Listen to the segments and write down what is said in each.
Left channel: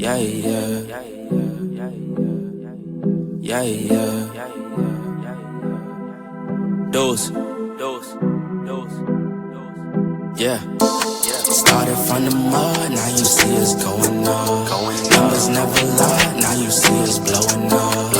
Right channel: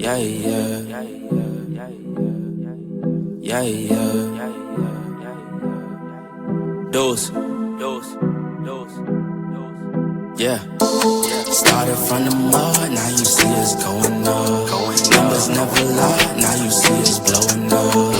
Yeah, yeah. Yeah, yeah. Dose. Yeah. Started from the mud, now you see us going up. Numbers never lie, now you see us blowing up.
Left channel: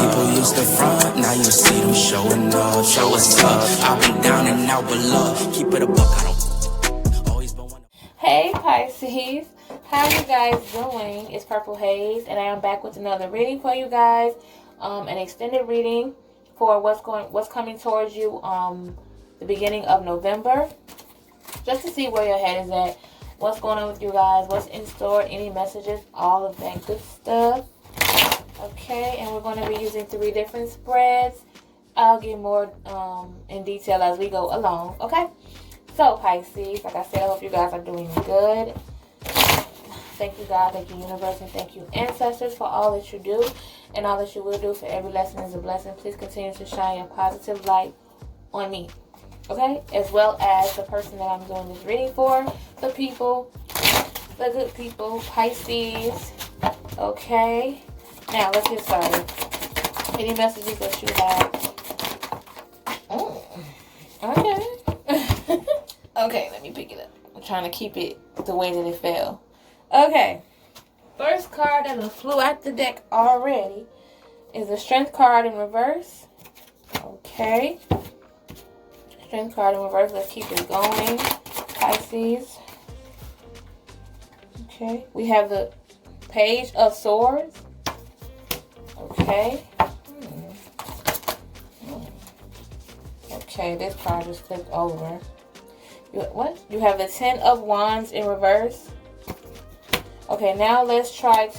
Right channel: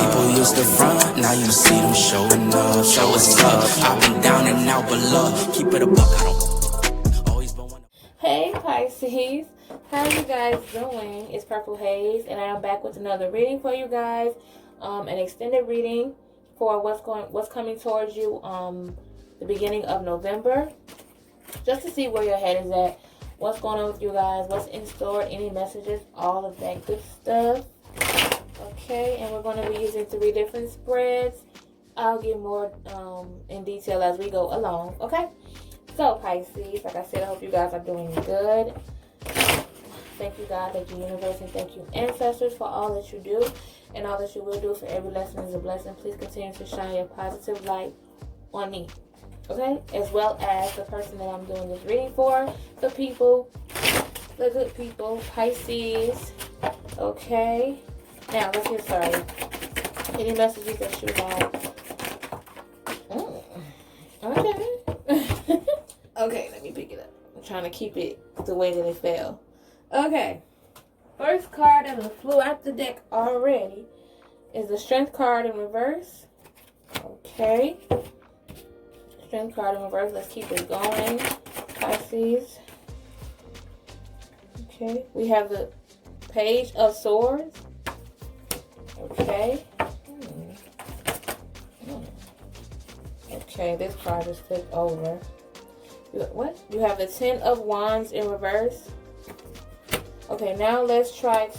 People used to front, now you see them showing up. So what's up? I've been down and out, but look, keep it a buck, I don't always been one. Hey Pisces, how you guys doing? It's Purple Haze, and I am back with another reading for you guys. An extended reading for what's coming towards you the beginning of November, just to see where your head is at, what's going on with you guys, what's in store, any messages, all of that good stuff. Okay, and we're going to be using 3 different spreads. I'll get more in detail as we go along. Okay. So, Pisces, like I said, I hope you guys are doing good. Thank you, God, thank you, universe, and thank you, ancestors, for all that you do and all that you will do. For every lesson is a blessing. Please continue to shine your positive light on me, okay? As well as the person that I'm doing this reading for, the people, the good people, Pisces, okay? Now, let's get started. Any messages that you have? Oh, okay. Okay, let me pick it up. I'm trying to keep it the way that it fell. Okay. First card that flew out the deck already is the Strength card in reverse. Okay. Strength card in reverse. Let's keep it going. Pisces. Okay. We have the Page of Swords. Okay. Okay, this card just flipped over. What? You have the 10 of Wands in reverse. Okay, now let's get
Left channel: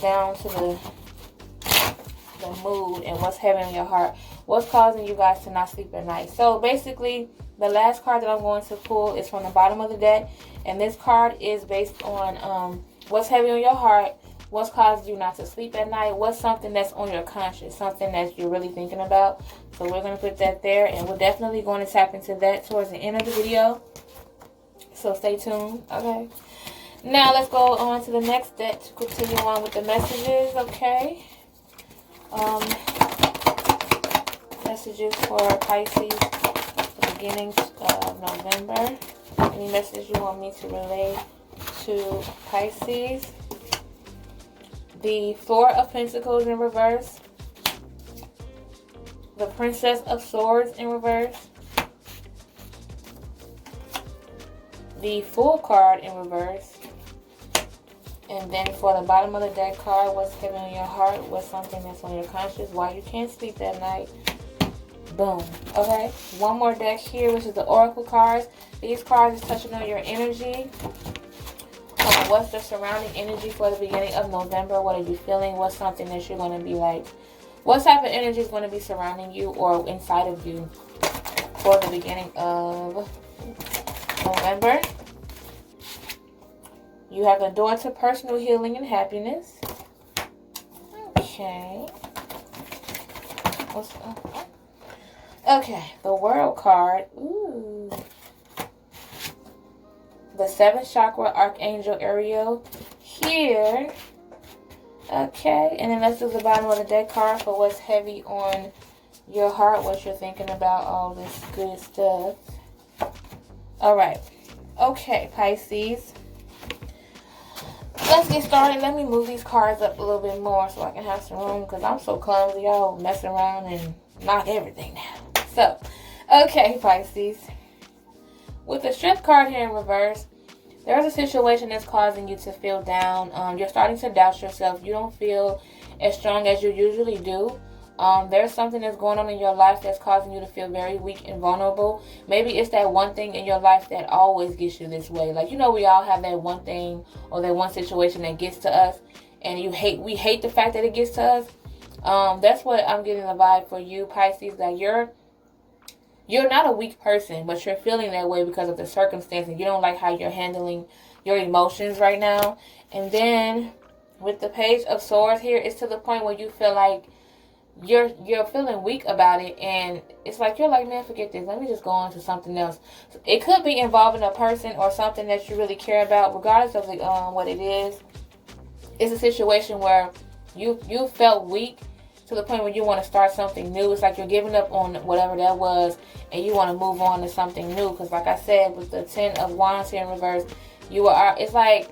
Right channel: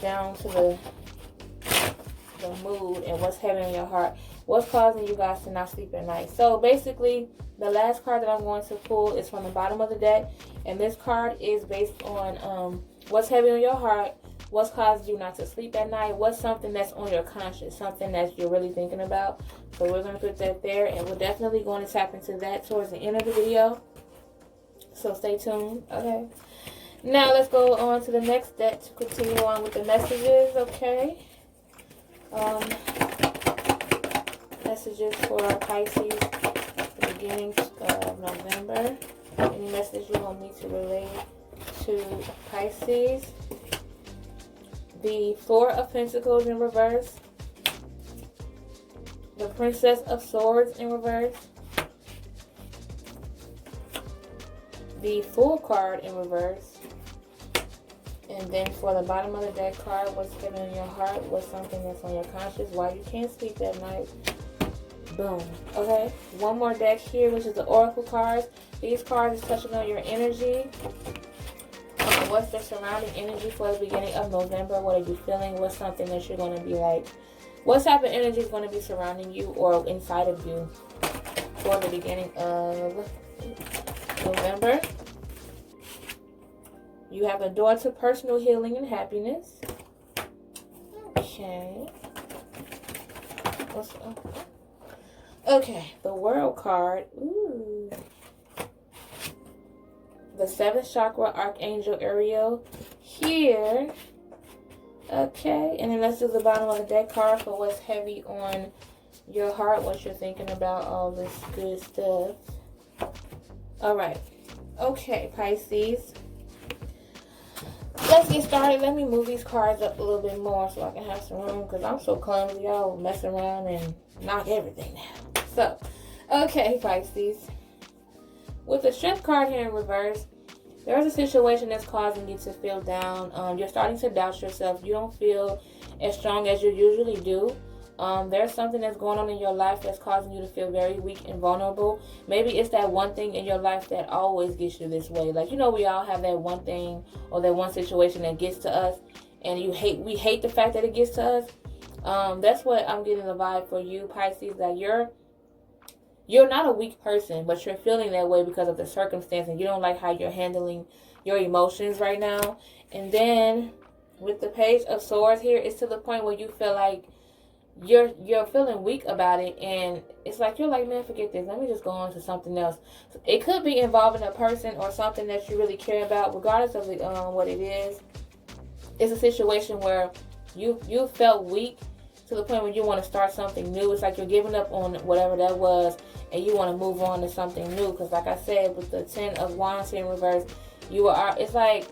down to the mood and what's heavy in your heart. What's causing you guys to not sleep at night? So basically, the last card that I'm going to pull is from the bottom of the deck, and this card is based on what's heavy on your heart, what's causing you not to sleep at night, what's something that's on your conscience, something that you're really thinking about. So we're going to put that there, and we're definitely going to tap into that towards the end of the video. So stay tuned, okay? Now let's go on to the next deck to continue on with the messages, okay? Messages for Pisces, the beginning of November. Any message you want me to relay to Pisces? The Four of Pentacles in reverse. The Princess of Swords in reverse. The Fool card in reverse. And then for the bottom of the deck card, what's heavy on your heart, what's something that's on your conscience, why you can't sleep that night. Boom. Okay. One more deck here, which is the Oracle cards. These cards is touching on your energy. What's the surrounding energy for the beginning of November? What are you feeling? What's something that you're going to be like? What type of energy is going to be surrounding you or inside of you for the beginning of November? You have the door to personal healing and happiness. Okay. Okay, the World card. Ooh. The 7th chakra, Archangel Ariel here. Okay, and then let's do the bottom of the deck card for what's heavy on your heart, what you're thinking about, all this good stuff. All right. Okay, Pisces. Let's get started. Let me move these cards up a little bit more so I can have some room, because I'm so clumsy. I'll mess around and knock everything down. So, okay, Pisces. With the Strength card here in reverse, there's a situation that's causing you to feel down. You're starting to doubt yourself. You don't feel as strong as you usually do. There's something that's going on in your life that's causing you to feel very weak and vulnerable. Maybe it's that one thing in your life that always gets you this way. Like, you know, we all have that one thing or that one situation that gets to us, and we hate the fact that it gets to us. That's what I'm getting the vibe for you, Pisces, that you're not a weak person, but you're feeling that way because of the circumstance, and you don't like how you're handling your emotions right now. And then with the Page of Swords here, it's to the point where you feel like you're feeling weak about it, and it's like you're like, man, forget this, let me just go on to something else. It could be involving a person or something that you really care about, regardless of what it is. It's a situation where you felt weak to the point where you want to start something new. It's like you're giving up on whatever that was, and you want to move on to something new. Because like I said, with the 10 of Wands here in reverse, it's like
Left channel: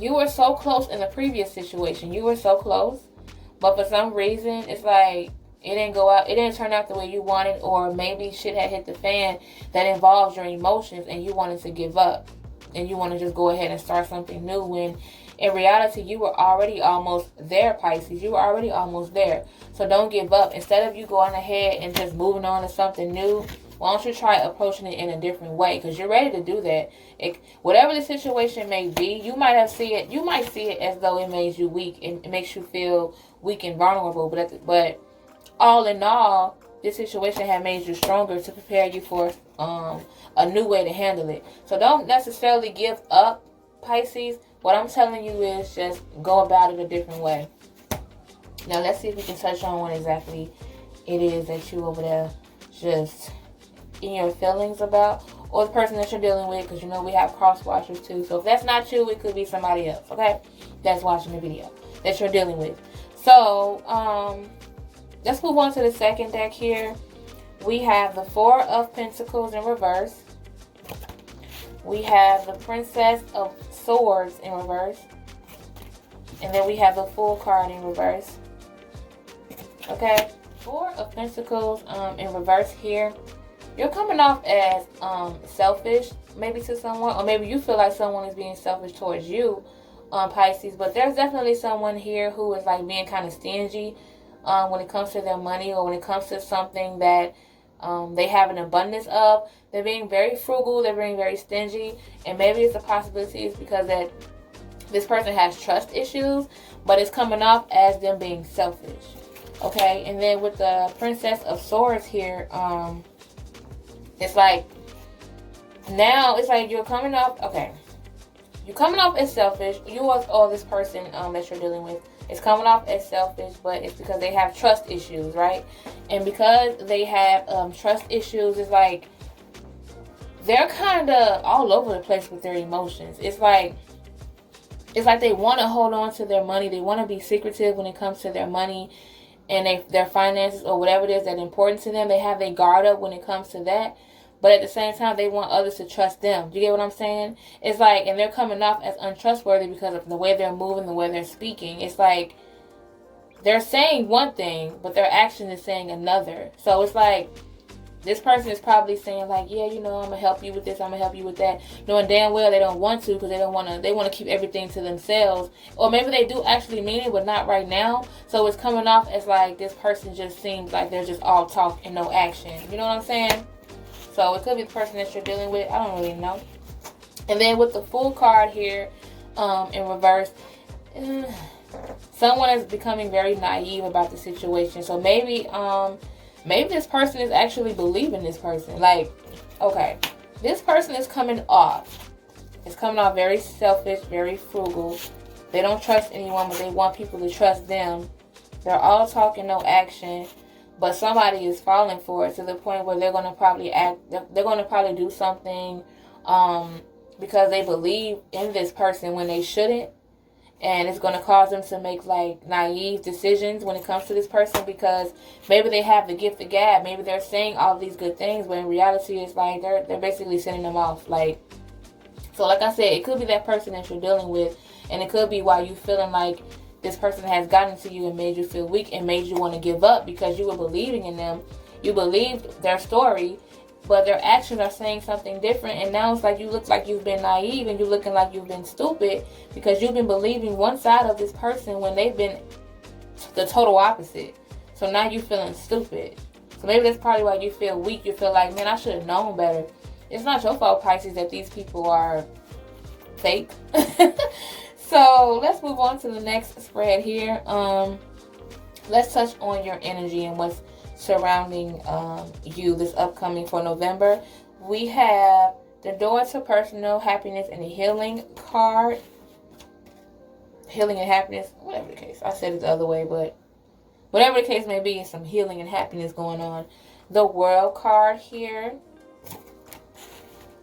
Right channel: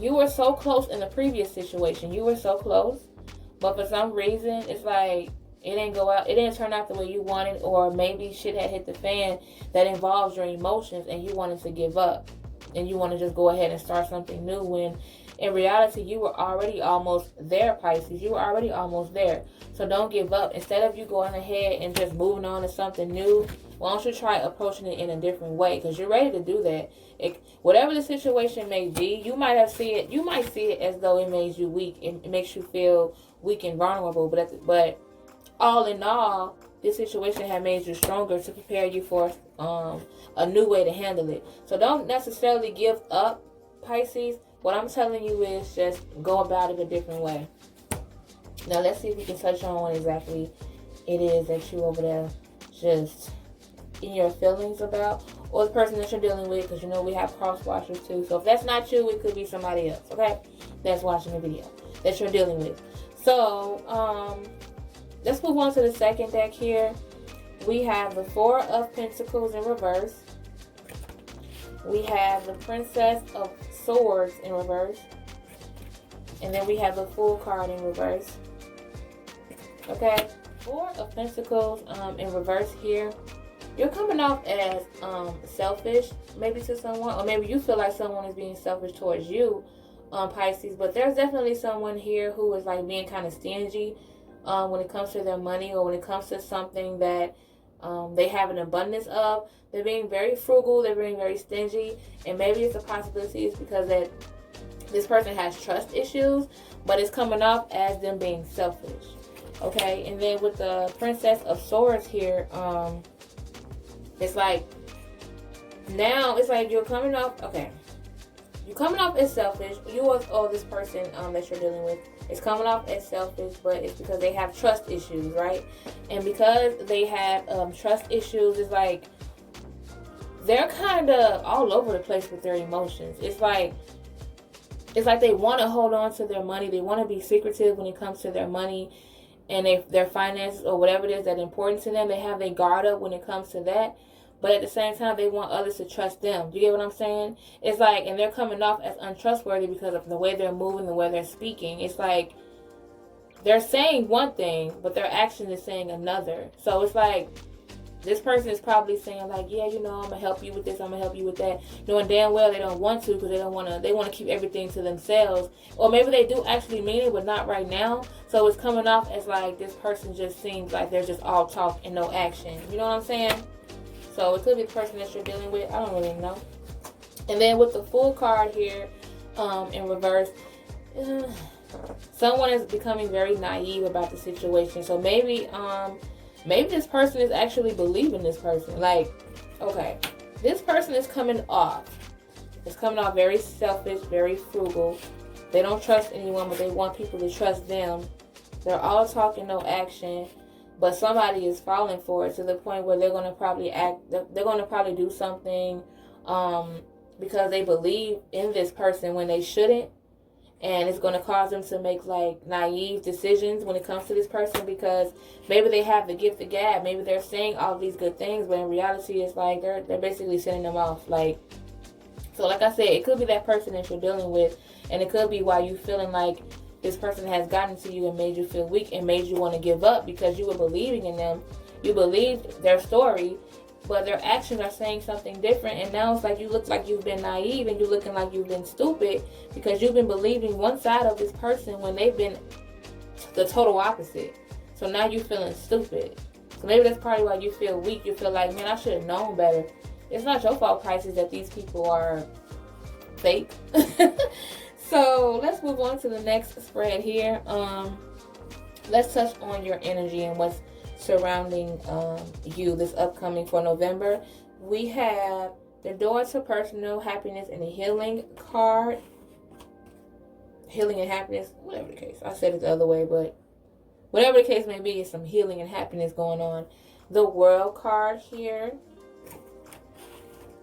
you were so close in the previous situation. You were so close, but for some reason, it's like it didn't turn out the way you wanted, or maybe shit had hit the fan that involves your emotions, and you wanted to give up, and you want to just go ahead and start something new, when in reality, you were already almost there, Pisces. You were already almost there. So don't give up. Instead of you going ahead and just moving on to something new, why don't you try approaching it in a different way? Because you're ready to do that. Whatever the situation may be, you might see it as though it made you weak, and it makes you feel weak and vulnerable. But all in all, this situation had made you stronger to prepare you for a new way to handle it. So don't necessarily give up, Pisces. What I'm telling you is just go about it a different way. Now let's see if we can touch on what exactly it is that you over there just in your feelings about, or the person that you're dealing with, because you know we have cross watchers too. So if that's not you, it could be somebody else, okay, that's watching the video that you're dealing with. So let's move on to the second deck here. We have the Four of Pentacles in reverse. We have the Princess of Swords in reverse, and then we have the Fool card in reverse. Okay, Four of Pentacles in reverse here. You're coming off as selfish, maybe to someone, or maybe you feel like someone is being selfish towards you, Pisces. But there's definitely someone here who is like being kind of stingy when it comes to their money, or when it comes to something that they have an abundance of. They're being very frugal, they're being very stingy, and maybe it's a possibility is because that this person has trust issues, but it's coming off as them being selfish. Okay, and then with the Princess of Swords here, it's like now it's like you're coming off, okay, you're coming off as selfish. You or this person that you're dealing with is coming off as selfish, but it's because they have trust issues, right? And because they have trust issues, it's like they're kind of all over the place with their emotions. It's like they want to hold on to their money. They want to be secretive when it comes to their money and their finances, or whatever it is that's important to them. They have their guard up when it comes to that. But at the same time, they want others to trust them. Do you get what I'm saying? It's like, and they're coming off as untrustworthy because of the way they're moving, the way they're speaking. It's like they're saying one thing, but their action is saying another. So it's like this person is probably saying like, yeah, you know, I'm gonna help you with this, I'm gonna help you with that, knowing damn well they don't want to, because they want to keep everything to themselves. Or maybe they do actually mean it, but not right now. So it's coming off as like this person just seems like they're just all talk and no action. You know what I'm saying? So it could be the person that you're dealing with. I don't really know. And then with the Fool card here in reverse, someone is becoming very naive about the situation. So maybe this person is actually believing this person. Like, okay, this person is coming off. It's coming off very selfish, very frugal. They don't trust anyone, but they want people to trust them. They're all talk and no action. But somebody is falling for it to the point where they're going to probably they're going to probably do something because they believe in this person when they shouldn't. And it's going to cause them to make like naive decisions when it comes to this person, because maybe they have the gift of gab. Maybe they're saying all these good things, but in reality it's like they're basically sending them off. Like, so like I said, it could be that person that you're dealing with, and it could be why you feeling like this person has gotten to you and made you feel weak and made you want to give up, because you were believing in them. You believed their story, but their actions are saying something different. And now it's like you look like you've been naive, and you're looking like you've been stupid because you've been believing one side of this person when they've been the total opposite. So now you're feeling stupid. So maybe that's probably why you feel weak. You feel like, man, I should have known better. It's not your fault, Pisces, that these people are fake. So let's move on to the next spread here. Let's touch on your energy and what's surrounding you this upcoming for November. We have the Door to Personal Happiness and the Healing card. Healing and happiness, whatever the case. I said it the other way, but whatever the case may be, some healing and happiness going on. The World card here.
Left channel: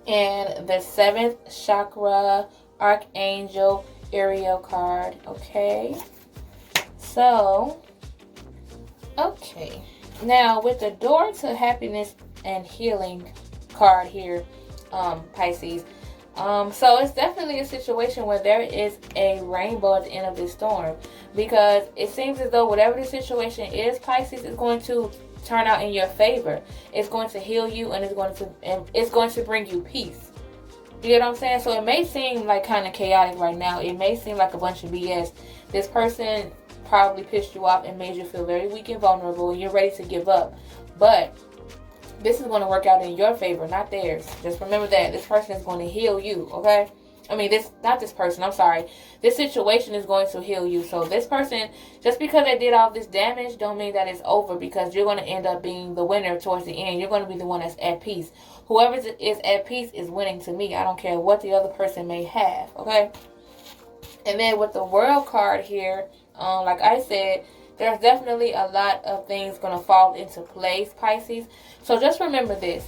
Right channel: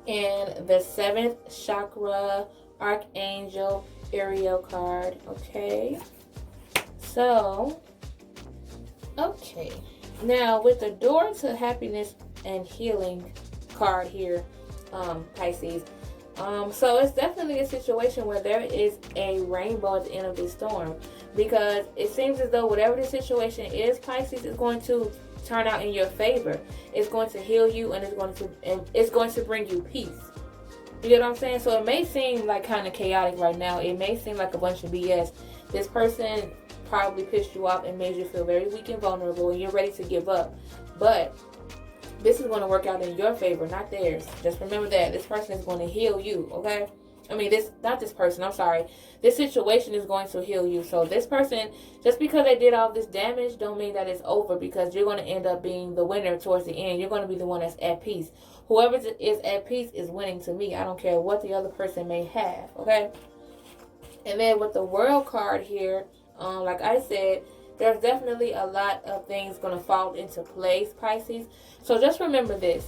And the 7th chakra Archangel Ariel card. Okay. So, okay. Now, with the Door to Happiness and Healing card here, Pisces. So it's definitely a situation where there is a rainbow at the end of this storm, because it seems as though whatever the situation is, Pisces, is going to turn out in your favor. It's going to heal you, and it's going to bring you peace. You get what I'm saying? So it may seem like kind of chaotic right now. It may seem like a bunch of BS. This person probably pissed you off and made you feel very weak and vulnerable, and you're ready to give up. But this is going to work out in your favor, not theirs. Just remember that this person is going to heal you, okay? I mean, this situation is going to heal you. So this person, just because they did all this damage, don't mean that it's over, because you're going to end up being the winner towards the end. You're going to be the one that's at peace. Whoever is at peace is winning to me. I don't care what the other person may have, okay? And then with the World card here, like I said, there's definitely a lot of things going to fall into place, Pisces. So just remember this.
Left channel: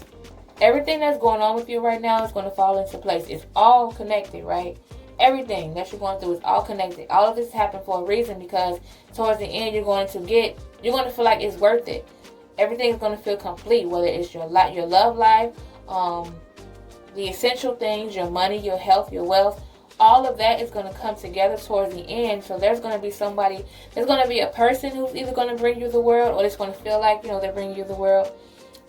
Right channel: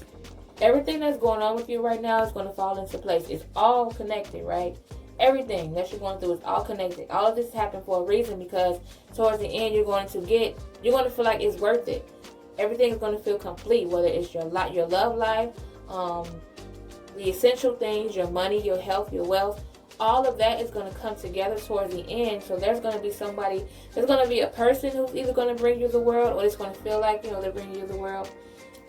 Everything that's going on with you right now is going to fall into place. It's all connected, right? Everything that you're going through is all connected. All of this happened for a reason, because towards the end you're going to feel like it's worth it. Everything is going to feel complete, whether it's your love life, the essential things, your money, your health, your wealth. All of that is going to come together towards the end. So there's going to be a person who's either going to bring you the world, or it's going to feel like, they're bringing you the world.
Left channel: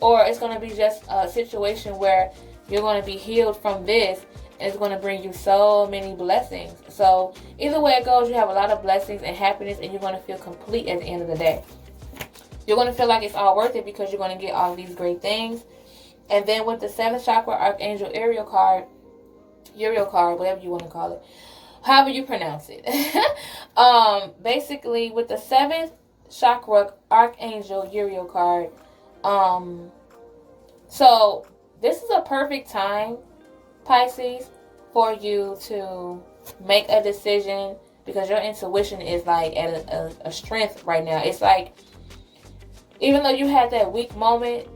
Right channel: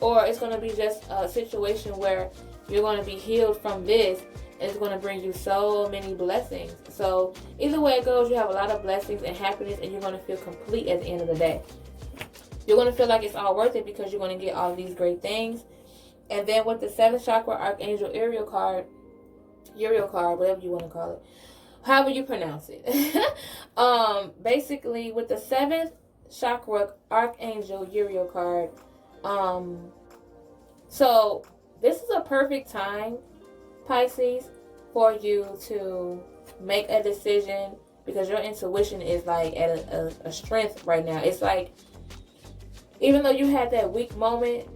Or it's going to be just a situation where you're going to be healed from this, and it's going to bring you so many blessings. So either way it goes, you have a lot of blessings and happiness, and you're going to feel complete at the end of the day. You're going to feel like it's all worth it, because you're going to get all these great things. And then with the 7th chakra Archangel Ariel card, whatever you want to call it, however you pronounce it. Basically, with the 7th chakra Archangel Uriel card, so this is a perfect time, Pisces, for you to make a decision, because your intuition is like at a strength right now. It's like, even though you had that weak moment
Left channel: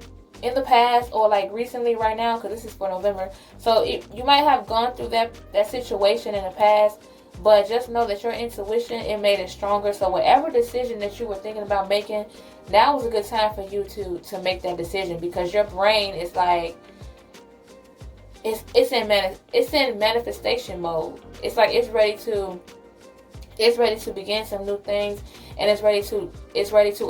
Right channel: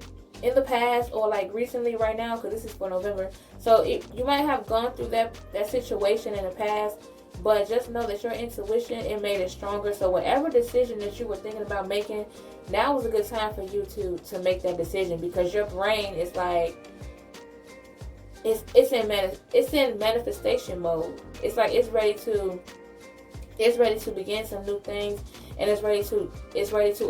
in the past, or like recently right now, because this is for November, so you might have gone through that situation in the past, but just know that your intuition, it made it stronger. So whatever decision that you were thinking about making, now is a good time for you to make that decision, because your brain is like, it's in manifestation mode. It's like it's ready to begin some new things, and it's ready to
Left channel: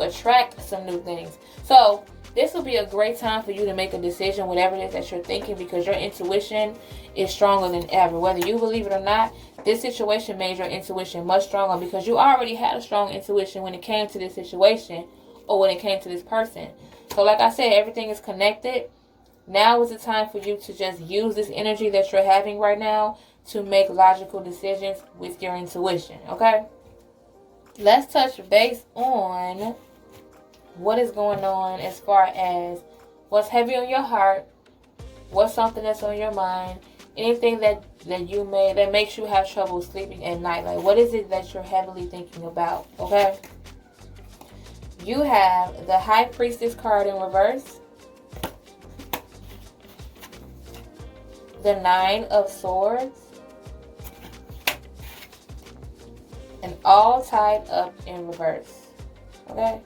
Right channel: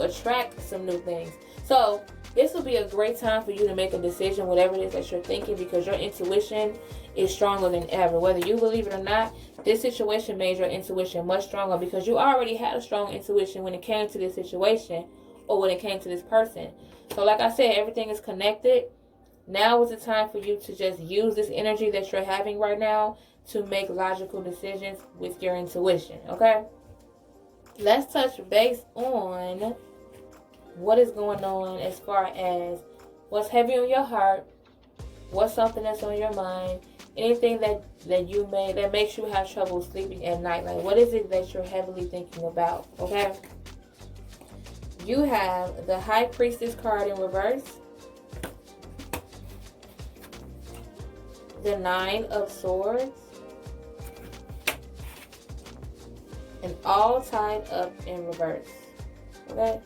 attract some new things. So this will be a great time for you to make a decision, whatever it is that you're thinking, because your intuition is stronger than ever. Whether you believe it or not, this situation made your intuition much stronger, because you already had a strong intuition when it came to this situation, or when it came to this person. So like I said, everything is connected. Now is the time for you to just use this energy that you're having right now to make logical decisions with your intuition, okay? Let's touch base on what is going on as far as what's heavy on your heart, what's something that's on your mind, anything that makes you have trouble sleeping at night. Like, what is it that you're heavily thinking about, okay? You have the High Priestess card in reverse, the 9 of Swords, and all tied up in reverse, okay?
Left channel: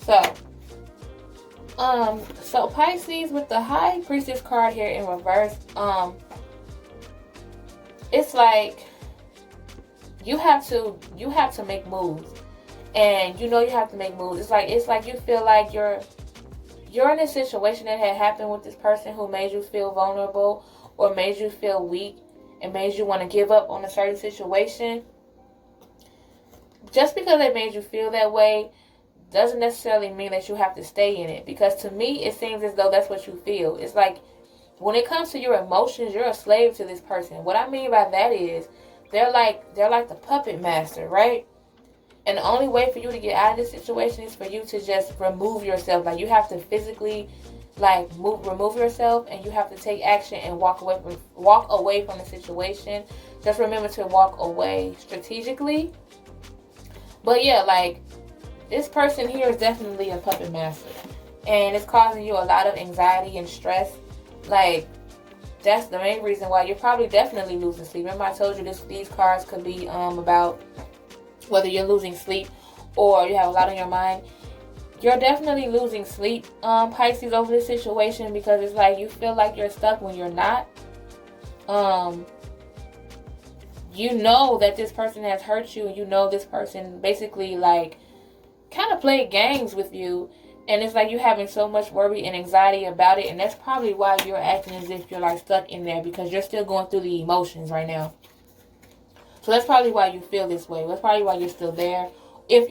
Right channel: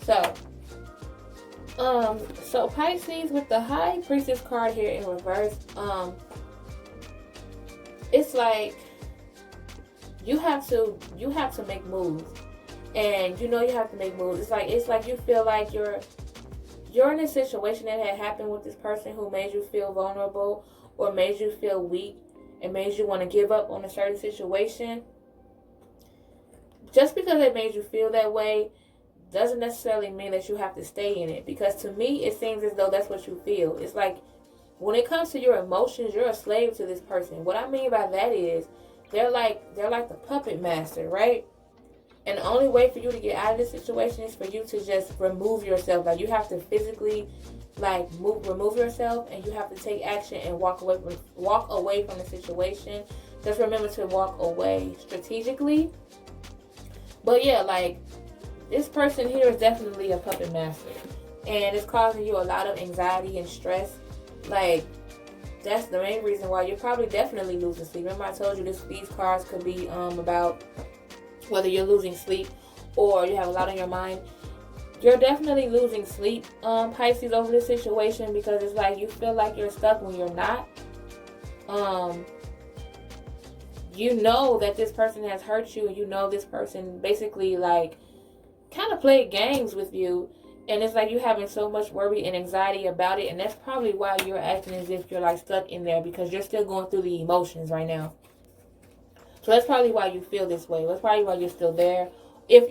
So Pisces, with the High Priestess card here in reverse, it's like you have to make moves, and you have to make moves. It's like you feel like you're in a situation that had happened with this person who made you feel vulnerable, or made you feel weak, and made you want to give up on a certain situation. Just because they made you feel that way doesn't necessarily mean that you have to stay in it, because to me it seems as though that's what you feel. It's like, when it comes to your emotions, you're a slave to this person. What I mean by that is they're like the puppet master, right? And the only way for you to get out of this situation is for you to just remove yourself. Like, you have to physically remove yourself, and you have to take action and walk away from the situation. Just remember to walk away strategically. But yeah, like, this person here is definitely a puppet master. And it's causing you a lot of anxiety and stress. Like, that's the main reason why you're probably definitely losing sleep. Remember I told you these cards could be about whether you're losing sleep or you have a lot on your mind. You're definitely losing sleep, Pisces, over this situation, because it's like you feel like you're stuck when you're not. You know that this person has hurt you, and you know this person basically like kind of played games with you, and it's like you're having so much worry and anxiety about it, and that's probably why you're acting as if you're like stuck in there, because you're still going through the emotions right now. So that's probably why you feel this way. That's probably why you're still there. If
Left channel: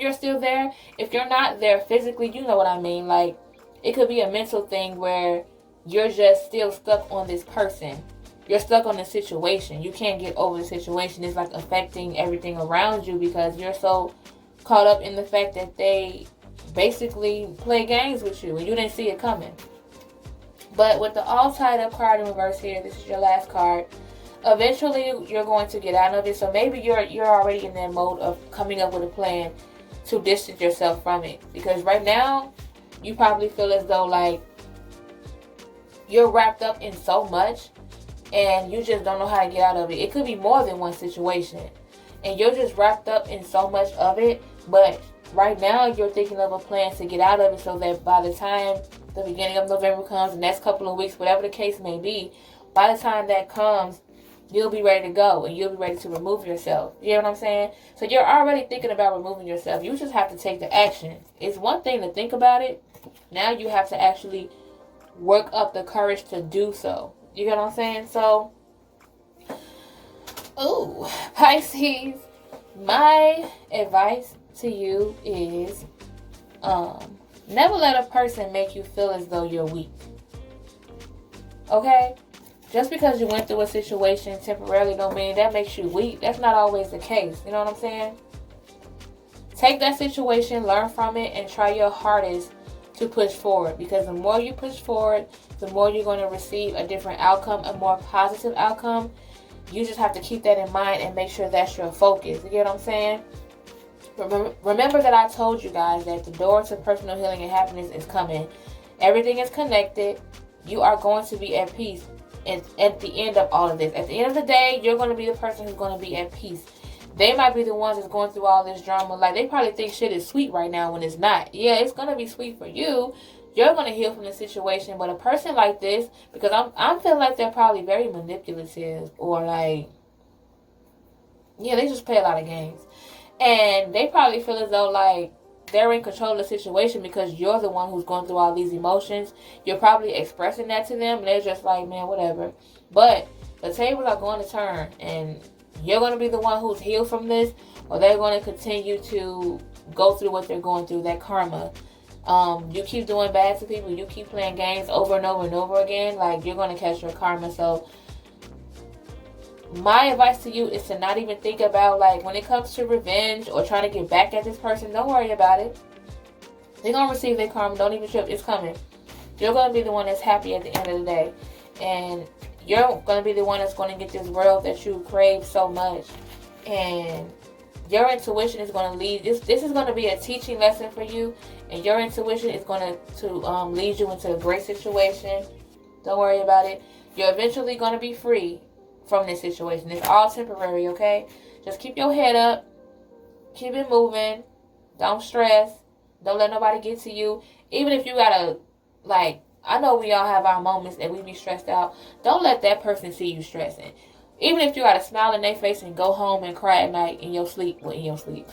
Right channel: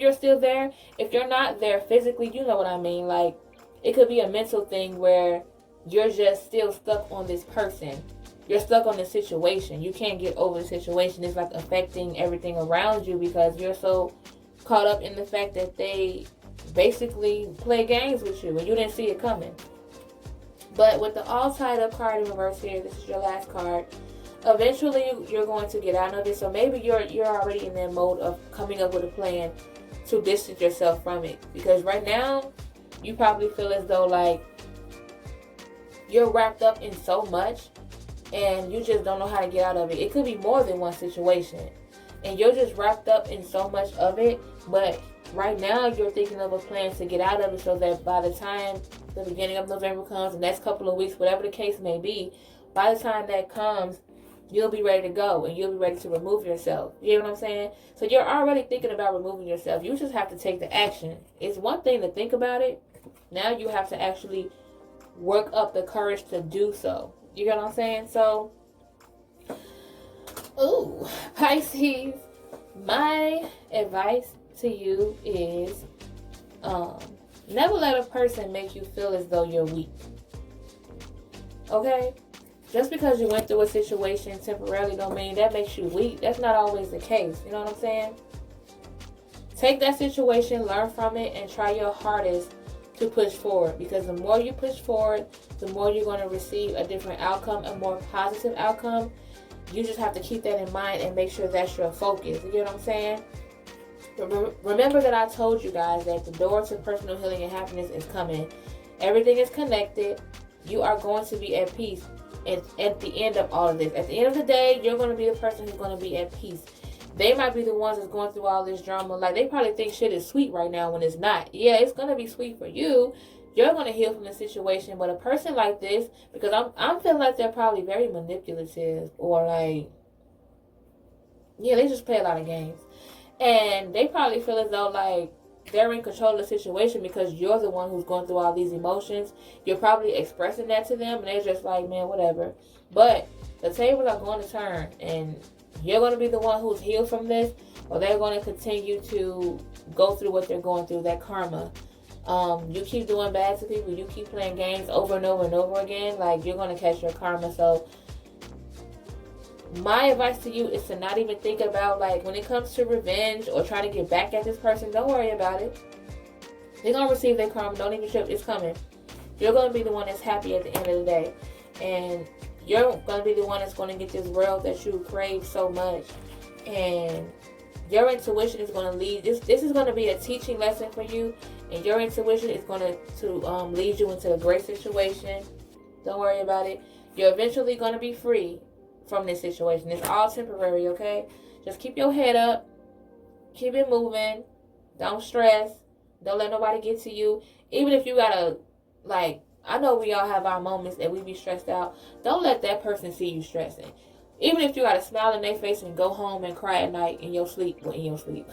you're still there, if you're not there physically, you know what I mean. Like, it could be a mental thing where you're just still stuck on this person. You're stuck on the situation. You can't get over the situation. It's like affecting everything around you because you're so caught up in the fact that they basically play games with you and you didn't see it coming. But with the all tied up card in reverse here, this is your last card. Eventually, you're going to get out of it. So maybe you're already in that mode of coming up with a plan to distance yourself from it. Because right now, you probably feel as though like you're wrapped up in so much and you just don't know how to get out of it. It could be more than one situation. And you're just wrapped up in so much of it. But right now, you're thinking of a plan to get out of it so that by the time the beginning of November comes, the next couple of weeks, whatever the case may be, by the time that comes, you'll be ready to go and you'll be ready to remove yourself. You know what I'm saying? So you're already thinking about removing yourself. You just have to take the action. It's one thing to think about it. Now you have to actually work up the courage to do so. You get what I'm saying? So, Pisces, my advice to you is never let a person make you feel as though you're weak. Okay? Just because you went through a situation temporarily don't mean that makes you weak. That's not always the case. You know what I'm saying? Take that situation, learn from it, and try your hardest to push forward. Because the more you push forward, the more you're going to receive a different outcome, a more positive outcome. You just have to keep that in mind and make sure that's your focus. You get what I'm saying? Remember that I told you guys that the door to personal healing and happiness is coming. Everything is connected. You are going to be at peace. At the end of all of this, at the end of the day, you're going to be the person who's going to be at peace. They might be the ones that's going through all this drama. Like, they probably think shit is sweet right now when it's not. Yeah, it's going to be sweet for you. You're going to heal from the situation. But a person like this, because I feel like they're probably very manipulative, or like, yeah, they just play a lot of games. And they probably feel as though like they're in control of the situation because you're the one who's going through all these emotions. You're probably expressing that to them, and they're just like, man, whatever. But the tables are going to turn, and you're going to be the one who's healed from this, or they're going to continue to go through what they're going through, that karma. You keep doing bad to people, you keep playing games over and over and over again, like, you're going to catch your karma. So my advice to you is to not even think about, like, when it comes to revenge or trying to get back at this person, don't worry about it. They're going to receive their karma. Don't even trip. It's coming. You're going to be the one that's happy at the end of the day. And you're going to be the one that's going to get this world that you crave so much. And your intuition is going to lead. This is going to be a teaching lesson for you. And your intuition is going to lead you into a great situation. Don't worry about it. You're eventually going to be free from this situation. It's all temporary, okay? Just keep your head up. Keep it moving. Don't stress. Don't let nobody get to you. Even if you gotta, like, I know we all have our moments that we be stressed out. Don't let that person see you stressing. Even if you gotta smile in their face and go home and cry at night in your sleep. Well, in your sleep.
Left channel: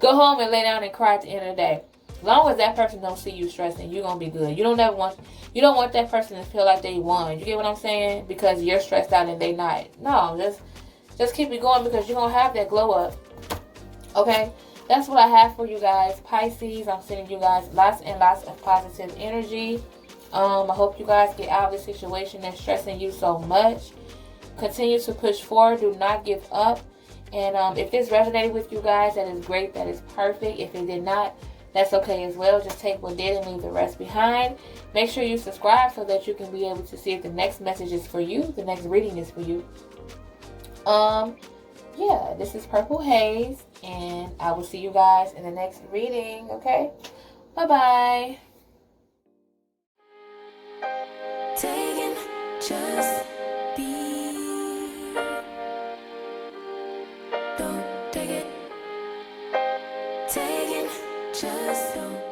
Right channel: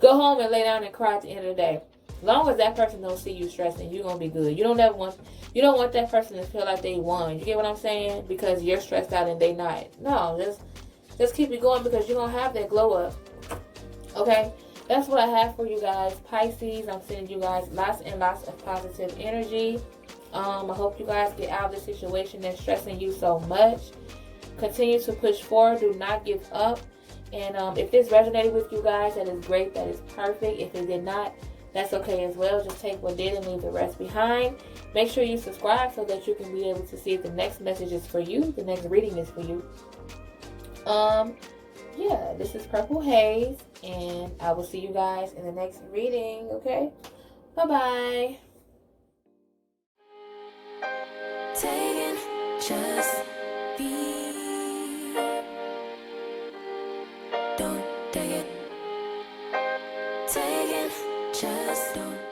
Go home and lay down and cry at the end of the day. As long as that person don't see you stressing, you're gonna be good. You don't want that person to feel like they won. You get what I'm saying? Because you're stressed out and they not. No, just keep it going, because you're gonna have that glow up. Okay? That's what I have for you guys. Pisces, I'm sending you guys lots and lots of positive energy. I hope you guys get out of the situation that's stressing you so much. Continue to push forward. Do not give up. And if this resonated with you guys, that is great. That is perfect. If it did not, that's okay as well. Just take what did and leave the rest behind. Make sure you subscribe so that you can be able to see if the next message is for you, the next reading is for you. yeah, this is Purple Haze, and I will see you guys in the next reading, okay? Bye-bye. Taking just be. Don't take it. Taking just don't.